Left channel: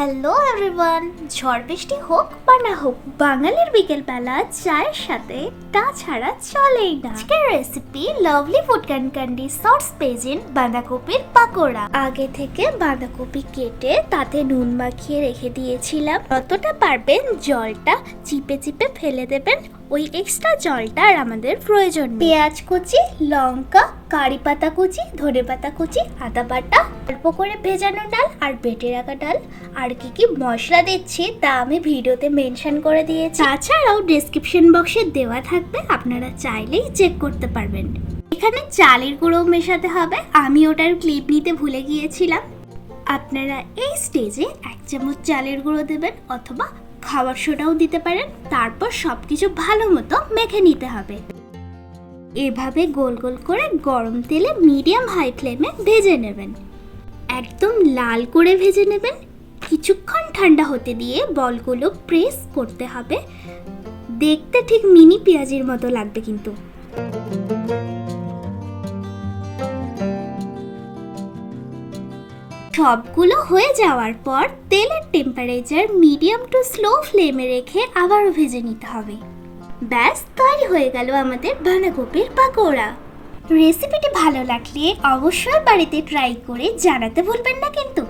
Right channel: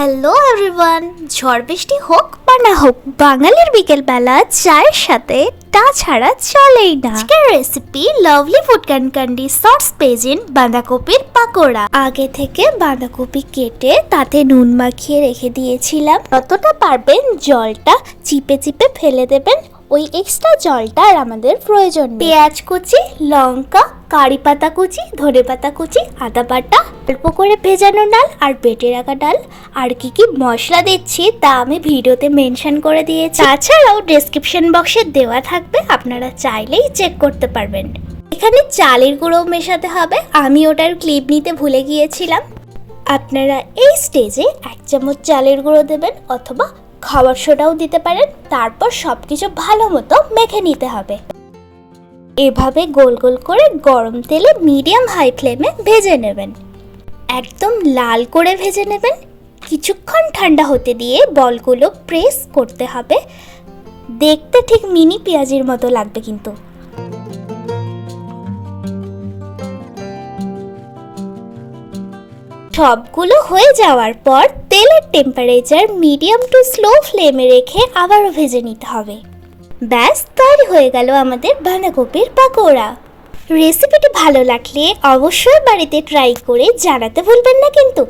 Hello everyone ঝড় বৃষ্টি হোক বা না হোক, বাঙালির বিকেলবেলা চায়ের সাথে তা ছাড়া চলেই না। আজকের recipe lovely food candy sauce পেজেন বাঁধাকপির পাকোড়া। আগে থেকে বাঁধাকপি কেটে তাতে নুন মাখিয়ে রেখে দিয়েছিলাম। যতটা পারবেন জলটা চিপে চিপে ফেলে দেবেন। ওই এক্সট্রা জলটা আর আমাদের প্রয়োজন পেঁয়াজ কুচি, লঙ্কা কারি পাতা কুচি, ধনে পাতা কুচি, আদা বাটা, অল্প করে ভেজানো ডাল আর বেটে রাখা ডাল। আর কি কি মশলা দিচ্ছি তা আমি ভিডিওতে মেনশন করে দিয়েছি। তাছাড়াও ডেসক্রিপশন বক্সে দেওয়া থাকবে, আপনারা চাইলেই চেক করতে পারবেন। এখানে চালের গুঁড়ো মেশাতে হবে, আমি ওটার ক্লিপ নিতে ভুলে গিয়েছিলাম। আপনারা এই স্টেজে এক চামচ চালের গুঁড়ো দেবেন অথবা খাবার সোডাও দিতে পারেন, তারপর সব কিছু ভালো মতো মেখে নিতে হবে। এভাবে গোল গোল করে গরম তেলে মিডিয়াম হাই ফ্লেমে ভেজে নেবেন। একদম লাল করে ভেজে নেবেন। কিছুক্ষণ ঠান্ডা হতে দিয়ে বলগুলো প্রেস করতে হবে। দেখতে ঠিক মিনি পেঁয়াজির মতো লাগবে কিন্তু। সবগুলো হয়ে যাওয়ার পর তেলের টেম্পারেচার মিডিয়াম টু স্লো ফ্লেমে রেখে আবারও ভেজে নিতে হবে। ব্যাস, তৈরি হয়ে গেল আমাদের বাঁধাকপির পাকোড়া। রেসিপিটি ভালো লাগলে অবশ্যই বাড়িতে ট্রাই করে জানাতে ভুলবেন না কিন্তু।